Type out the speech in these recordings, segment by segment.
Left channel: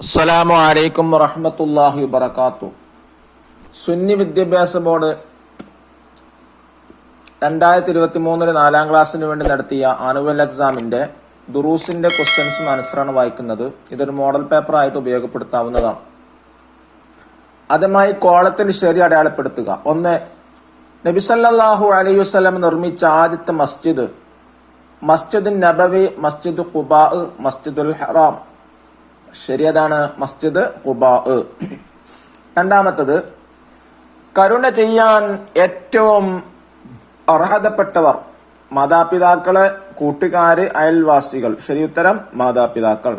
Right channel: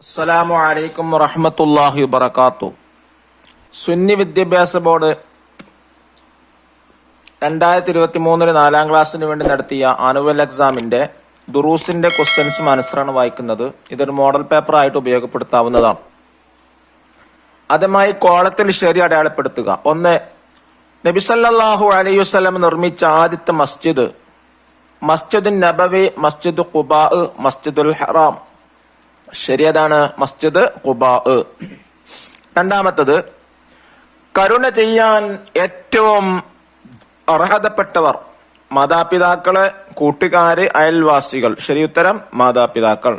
അസ്സലാമു അലൈക്കും വറഹ്മത്തുള്ളാഹി വബറകാതുഹു. സുന്നി വിദ്യാഭ്യാസ ബോർഡ് 2023 4ാം ക്ലാസ്സിന് വേണ്ടി നടത്തിയ ആനുവൽ എക്സാമിന്റെ ദുറൂസിന്റെ ക്വസ്റ്റ്യൻസും ആൻസറാണ് വായിക്കുന്നത്. ഇതൊരു മോഡൽ പേപ്പർ ആയിട്ട് ഉപയോഗപ്പെടുത്താവുന്നതാണ്. ആദ്യമായി കോളത്തിൽ ശരി അടയാളപ്പെടുത്തുക. 1. നബി സല്ലല്ലാഹു അലൈഹി വസല്ലം നിർമ്മിച്ച ആദ്യത്തെ മസ്ജിദ് മസ്ജിദുൻ നബവി, മസ്ജിദ് ഖുബാ, മസ്ജിദുൽ ഹറാം. ശരിയതാണ്, മസ്ജിദ് ഖുബാ. രണ്ടാമത്തത്, കരുണ ചെയ്യാൻ ഏറ്റവും അർഹതപ്പെട്ടവർ മാതാപിതാക്കള്, കൂട്ടുകാര്, അയൽവാസികൾ. ശരിയുത്തരം മാതാപിതാക്കൾ.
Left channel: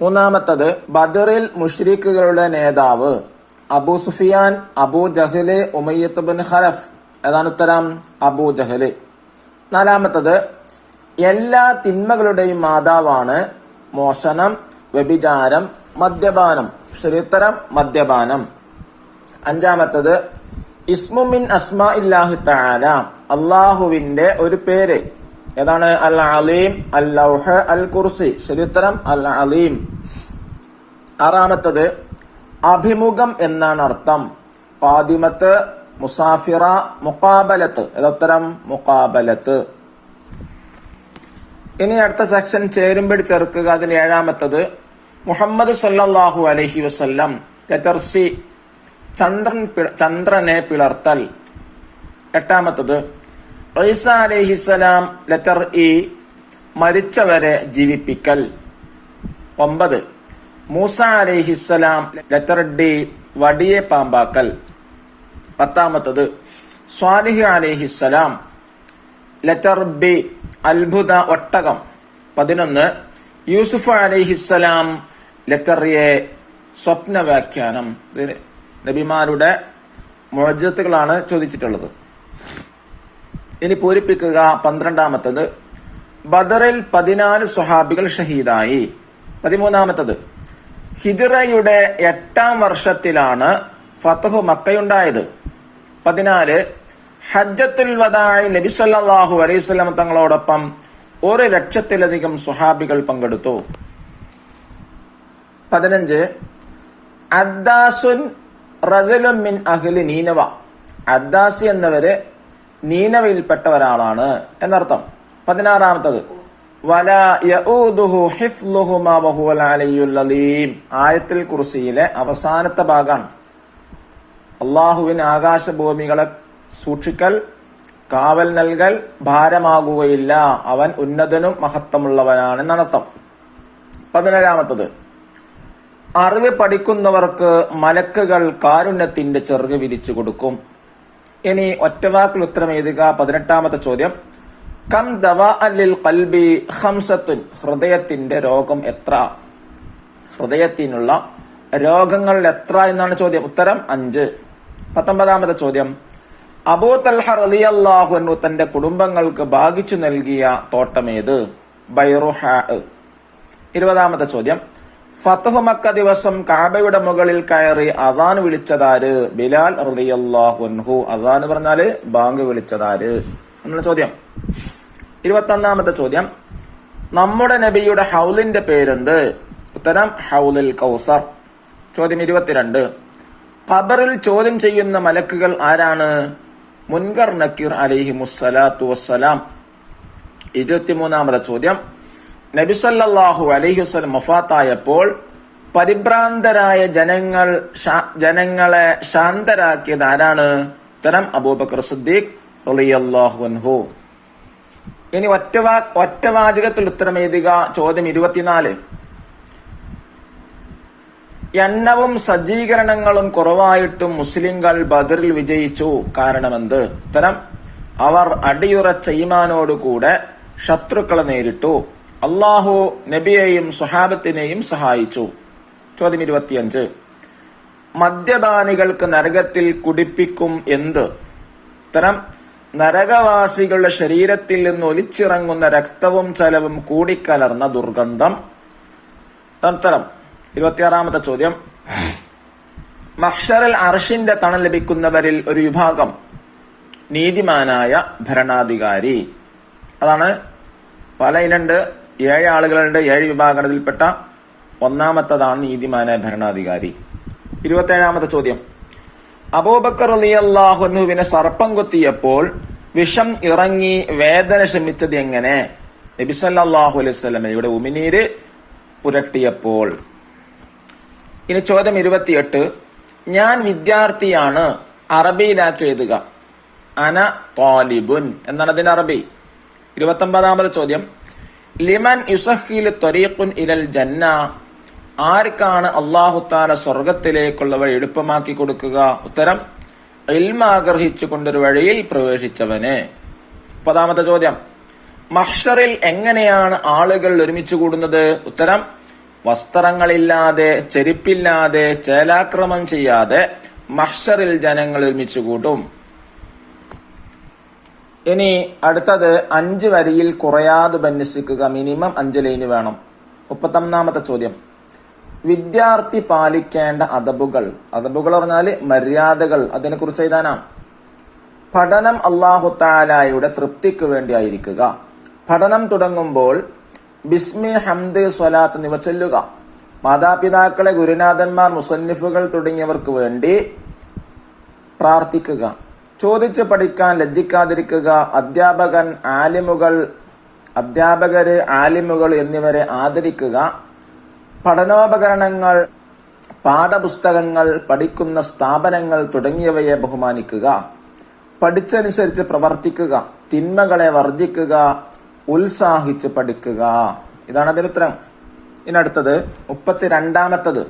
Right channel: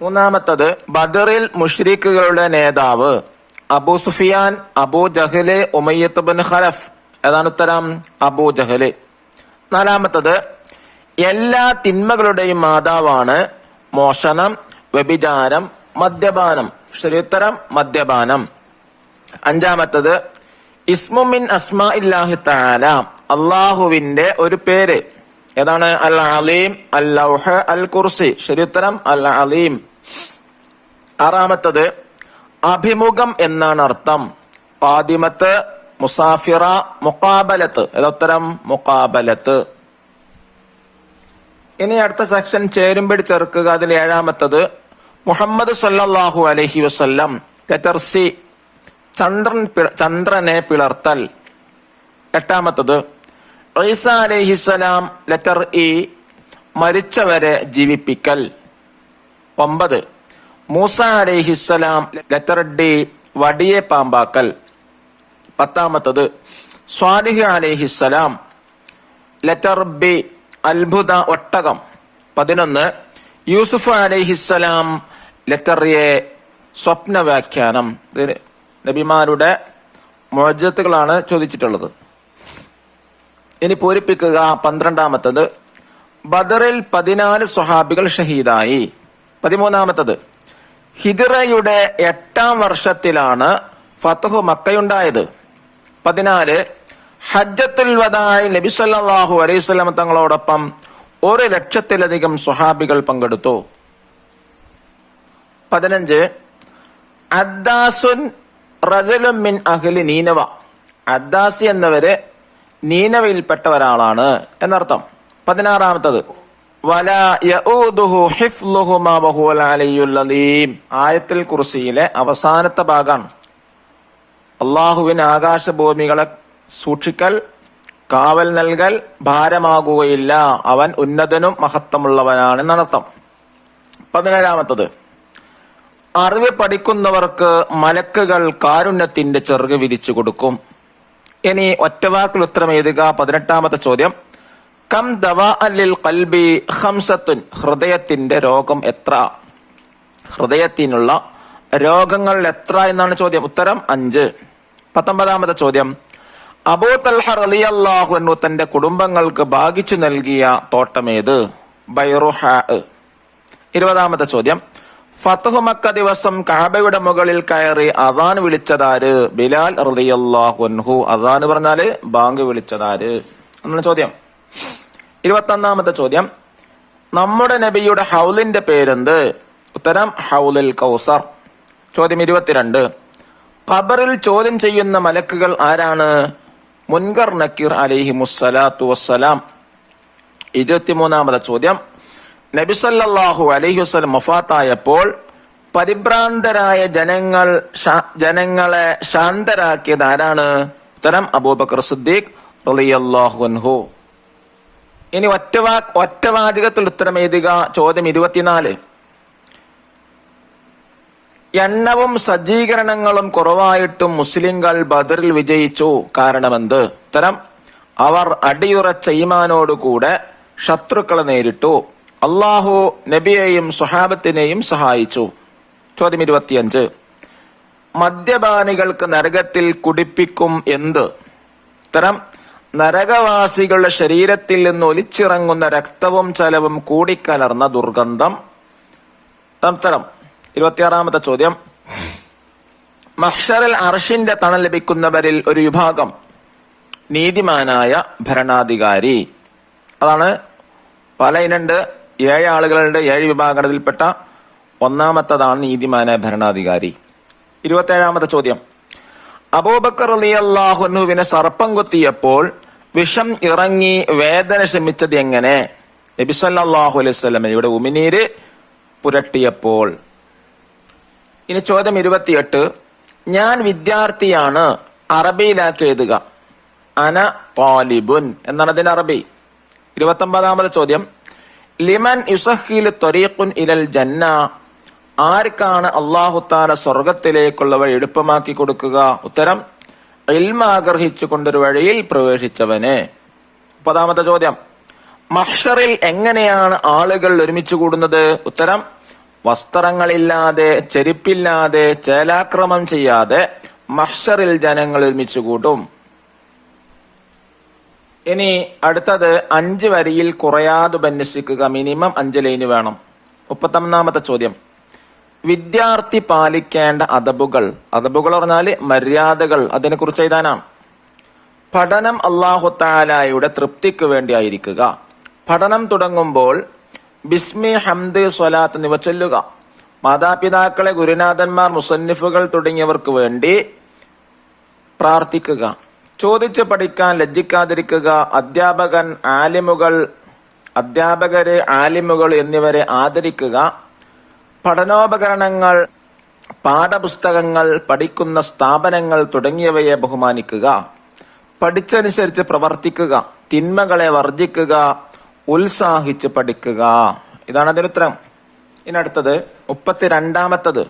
മൂന്നാമത്തത്, ബദറിൽ മുശ്രിക്കുകളുടെ നേതാവ് അബൂ സുഫിയാൻ, അബൂ ജഹല്, ഉമയ്യത്ത് ബിൻ ഖലഫ്. ഏതാണ് ഉത്തരം? അബൂ ജഹല്. നാലാമത്തത്, എല്ലാ തിന്മകളുടെയും മാതാവാണ് മോഷണം, വ്യഭിചാരം, മദ്യപാനം. ശരിയുത്തരം മദ്യപാനം. അഞ്ചാമത്തത്, ഇസ്മുമിൻ അസ്മാ ഇല്ലാഹി തആല, അള്ളാഹുവിന്റെ ഒരു പേര്. ഏതാണ്? അൽ അലീം, അൽ ലൗഹ്, അൽ കുർസി. ശരിയുത്തരം അൽ അലീം. ആറാമത്തത്, അഭിമുഖം എന്നാണ് അർത്ഥം. ഖാദിമത്ത്, മുസാഫിറ, മുഖാബലത്ത്. ഏതുത്തരം? മുഖാബലത്ത്. ഇനി അടുത്ത സെക്ഷൻ ചേരുമ്പടി തീർക്കുക. അതിൽ ഏഴാമത്തത്, മുഹമ്മദ് സല്ലല്ലാഹു അലൈഹി വസല്ലം. ലെറ്റർ സി, ചന്ദ്രനെ പിളർത്തൽ. എട്ടാമത്തത്, ഈസ അലൈഹിസ്സലാം. ലെറ്റർ ഇ, മരിച്ചവരെ ജീവിപ്പിക്കൽ. 9. മൂസ അലൈഹിസ്സലാം. ലെറ്റർ ഡി, വടിയെ പാമ്പാക്കൽ. 10. സ്വാലിഹ് അലൈഹിസ്സലാം. ലെറ്റർ ബി, അത്ഭുത ഒട്ടകം. 11. യൂസുഫ് അലൈഹിസ്സലാം. ലെറ്റർ എ, സ്വപ്ന വ്യാഖ്യാനം. നബിമാരുടെ മുഅ്ജിസത്തുകളാണ് ചോദിച്ചിട്ടുള്ളത്. ഇനി പൂരിപ്പിക്കുക. 12. ബദറിൽ 14 സ്വഹാബികൾ ഷഹീദായി. 13. ഹിജ്റയുടെ 8ാം വർഷത്തിലാണ് ഫത്ഹു മക്കയുണ്ടായത്. 14. ഹജ്ജത്തുൽ വദാഇ നബി സല്ലല്ലാഹു അലൈഹി വസല്ലം തങ്ങളോടൊപ്പം 1,00,000-ലധികം സ്വഹാബികൾ പങ്കെടുത്തു. 15. അദ്ദാസുൻ റജുലുൻ മിൻ അഹ്ലി നീനവ. അദ്ദാസി എന്നവര് നീനവയിൽപ്പെട്ട ഒരാളാണ് എന്നർത്ഥം. 16. വലാ യഊദുഹു ഹിഫ്ളുഹുമാ വഹുവൽ അലിയ്യുൽ അലീം. ആയത്തുൽ കുർസിയിലെ അവസാനത്തെ ഭാഗമാണ്. അള്ളാഹുവിന് ആകാശഭൂമികളെ സൂക്ഷിക്കൽ, കാവൽ നൽകൽ ഭാരമാകുകയില്ല. അവൻ ഉന്നതനും മഹത്വമുള്ളവനാണ് എന്നർത്ഥം. 17. അറിവ് പഠിക്കുന്നവർക്ക് മലക്കുകൾ കാരുണ്യത്തിന്റെ ചിറക് വിരിച്ചു കൊടുക്കും. ഇനി ഒറ്റവാക്കിൽ ഉത്തരം എഴുതുക. 18ാമത്തെ ചോദ്യം, കം ദവാഅൻ ലിൽ ഖൽബി ഖംസത്തുൻ. ഹൃദയത്തിന്റെ രോഗം എത്ര? ഹൃദയത്തിനുള്ള രോഗങ്ങൾ എത്ര എന്നാണ് ചോദ്യം. ഉത്തരം 5. 19ാമത്തെ ചോദ്യം, അബൂ തൽഹ റളിയല്ലാഹു അൻഹു തന്റെ കുടുംബങ്ങൾക്ക് ഭാഗിച്ചു നൽകിയ തോട്ടമേത്? ബൈറുഹാ. 20ാമത്തെ ചോദ്യം, ഫത്ഹു മക്ക ദിവസം കഅബയുടെ മുകളിൽ കയറി അദാൻ വിളിച്ചതാര്? ബിലാൽ റളിയല്ലാഹു അൻഹു. അദാൻ പറഞ്ഞാല് ബാങ്ക് വിളിച്ചതാര് എന്നാണ് ചോദ്യം. 21ാമത്തെ ചോദ്യം, നമ്മുടെ നബിയുടെ ഹൗലിന്റെ പേരെന്ത്? ഉത്തരം ഹൗലുൽ കൗസർ. ചോദ്യം 22, ഖബറിൽ ചോദ്യം ചെയ്യുന്ന മലക്കുകൾ ആരാണ്? മുൻകർ നക്കീർ അലൈഹിമുസ്സലാത്തു വസ്സലാം. 23ാമത്തെ ചോദ്യം, നബി സല്ലല്ലാഹു അലൈഹി വസല്ലം വഫാത്തായപ്പോൾ പരിഭ്രാന്തരായ ജനങ്ങളെ ശാന്തരാക്കിയത് ആരാണ്? ഉത്തരം അബൂബക്കർ സിദ്ദീഖ് റളിയല്ലാഹു അൻഹു. ഇനി ഒറ്റവാചകത്തിൽ ഉത്തരം എഴുതുക. ചോദ്യം 24, എണ്ണവും സജ്ജീകരണങ്ങളും കുറവായിട്ടും മുസ്ലിങ്ങൾ ബദറിൽ വിജയിച്ചു. കാരണമെന്ത്? ഉത്തരം അവർ അടിയുറച്ച ഈമാനോടുകൂടെ ശത്രുക്കളെ നേരിട്ടു. അള്ളാഹു നബിയെയും സ്വഹാബത്തിനെയും സഹായിച്ചു. ചോദ്യം 25, മദ്യപാനികൾക്ക് നരകത്തിൽ കുടിപ്പിക്കും എന്ത്? ഉത്തരം നരകവാസികളുടെ ശരീരത്തിൽ നിന്ന് ഒലിച്ചിറങ്ങുന്ന രക്തവും ചലവും കൂടിക്കലർന്ന ദുർഗന്ധം. ഉത്തരം 26ാമത്തെ ചോദ്യം, മഹ്ശറിൽ അർശിന്റെ തണൽ ലഭിക്കുന്നവരിൽ ഒരു വിഭാഗം നീതിമാനായ ഭരണാധികാരി. അതാണ് പല ഇനുണ്ട്. 7 ആളുകളുടെ 7 വിഭാഗത്തിൽപ്പെട്ട ഒന്നാമത്തതാണ് നീതിമാനായ ഭരണാധികാരി. 27ാമത്തെ ചോദ്യം. അബൂബക്കർ റളിയല്ലാഹു അൻഹുവിനെ സർപ്പം കൊത്തിയപ്പോൾ വിഷം ഇറങ്ങി വേദന ശമിച്ചത് എങ്ങനെ? നബി സല്ലല്ലാഹു അലൈഹി വസല്ലമയുടെ ഉമിനീര് പുരട്ടിയപ്പോൾ. ഇനി ചോദ്യം 28. ഞാൻ വിദ്യാർത്ഥിയാണ്, അറബിയിലാക്കി എഴുതുക. അന താലിബുൻ എന്നാണ് അതിന്റെ അറബി. 29ാമത്തെ ചോദ്യം. ലിമൻ യുസഹിലു ത്വരീഖുൻ ഇലൽ ജന്ന, ആർക്കാണ് അല്ലാഹു തആല സ്വർഗത്തിലേക്കുള്ള വഴി എളുപ്പമാക്കി കൊടുക്കുക? ഉത്തരം, ഇൽമ ആഗ്രഹിച്ചു കൊണ്ടൊരു വഴിയിൽ പ്രവേശിച്ചവനെ. 30ാമത്തെ ചോദ്യം. മഹ്ശറിൽ എങ്ങനെയാണ് ആളുകൾ ഒരുമിച്ച് കൂടുന്നത്? ഉത്തരം, വസ്ത്രങ്ങളില്ലാതെ, ചെരുപ്പില്ലാതെ, ചേലാക്രമം ചെയ്യാതെ മഹ്ശറിൽ ജനങ്ങൾ ഒരുമിച്ച് കൂട്ടും. ഇനി അടുത്തത് 5 വരിയിൽ കുറയാതെ ഉപന്യസിക്കുക. മിനിമം 5 ലൈന് വേണം. 31ാമത്തെ ചോദ്യം. വിദ്യാർത്ഥി പാലിക്കേണ്ട അദബുകൾ. അദബുകൾ പറഞ്ഞാല് മര്യാദകൾ, അതിനെ കുറിച്ച് എഴുതാനാണ്. പഠനം അല്ലാഹു തആലയുടെ തൃപ്തിക്ക് വേണ്ടി ആയിരിക്കുക. പഠനം തുടങ്ങുമ്പോൾ ബിസ്മി, ഹംദ്, സ്വലാത്ത് എന്നിവ ചൊല്ലുക. മാതാപിതാക്കളെ, ഗുരുനാഥന്മാർ, മുസന്നിഫുകൾ തുടങ്ങിയവർക്ക് വേണ്ടി പ്രാർത്ഥിക്കുക. ചോദിച്ച് പഠിക്കാൻ ലജ്ജിക്കാതിരിക്കുക. അധ്യാപകരെ, ആലിമുകൾ എന്നിവരെ ആദരിക്കുക. പഠനോപകരണങ്ങൾ, പാഠപുസ്തകങ്ങൾ, പഠിക്കുന്ന സ്ഥാപനങ്ങൾ തുടങ്ങിയവയെ ബഹുമാനിക്കുക. പഠിച്ചനുസരിച്ച് പ്രവർത്തിക്കുക. തിന്മകളെ വർജിക്കുക. ഉത്സാഹിച്ച് പഠിക്കുക. ഇതാണ് അതിനുത്തരം. ഇനി അടുത്തത് 32ാമത്തത്.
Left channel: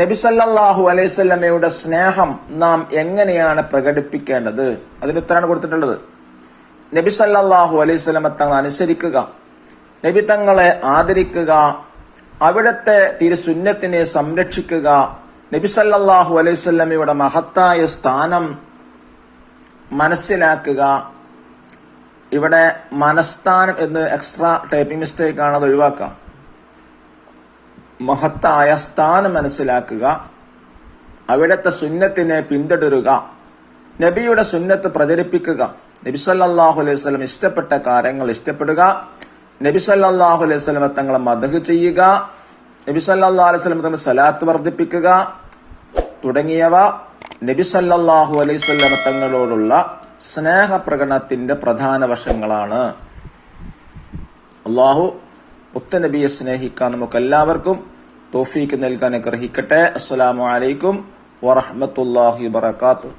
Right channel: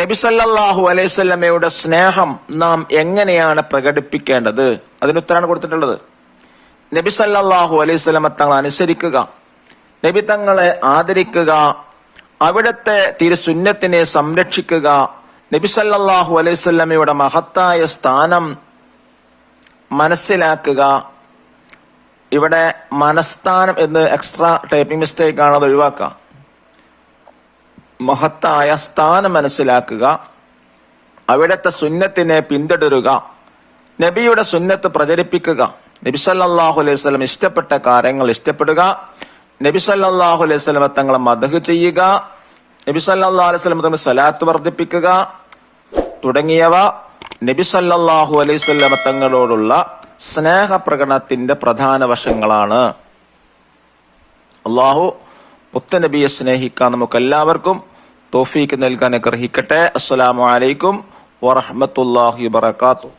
നബി സല്ലല്ലാഹു അലൈഹി വസല്ലമയുടെ സ്നേഹം നാം എങ്ങനെയാണ് പ്രകടിപ്പിക്കേണ്ടത്? അതിനുത്തരാണ് കൊടുത്തിട്ടുള്ളത്. നബി സല്ലല്ലാഹു അലൈഹി വസല്ലമ തങ്ങളെ അനുസരിക്കുക, നബി തങ്ങളെ ആദരിക്കുക, അവിടുത്തെ തിരുസുന്നത്തിനെ സംരക്ഷിക്കുക, നബി സല്ലല്ലാഹു അലൈഹി വസല്ലമയുടെ മഹത്തായ സ്ഥാനം മനസ്സിലാക്കുക. ഇവിടെ മനസ്ഥാനം എന്ന് എക്സ്ട്രാ ടൈപ്പിംഗ് മിസ്റ്റേക്ക് ആണ്, അത് ഒഴിവാക്കുക. മഹത്തായ സ്ഥാനം മനസ്സിലാക്കുക, അവിടുത്തെ സുന്നത്തിനെ പിന്തുടരുക, നബിയുടെ സുന്നത്ത് പ്രചരിപ്പിക്കുക, നബി സല്ലല്ലാഹു അലൈഹി വസല്ലം ഇഷ്ടപ്പെട്ട കാര്യങ്ങൾ ഇഷ്ടപ്പെടുക, നബി സല്ലല്ലാഹു അലൈഹി വസല്ലം തങ്ങളെ മദ്ഹ് ചെയ്യുക, നബി സല്ലല്ലാഹു അലൈഹി വസല്ലം തങ്ങൾ സ്വലാത്ത് വർദ്ധിപ്പിക്കുക തുടങ്ങിയവ നബി സല്ലല്ലാഹു അലൈഹി വസല്ലം തങ്ങളോടുള്ള സ്നേഹപ്രകടനത്തിന്റെ പ്രധാന വശങ്ങളാണ്. അല്ലാഹു മുത്തനബിയെ സ്നേഹിക്കാൻ നമുക്ക് എല്ലാവർക്കും തൗഫീക്ക് നൽകാൻ ആഗ്രഹിക്കട്ടെ. അസ്സലാമു അലൈക്കും വറഹ്മത്തുള്ളാഹി വബറകാതുഹു.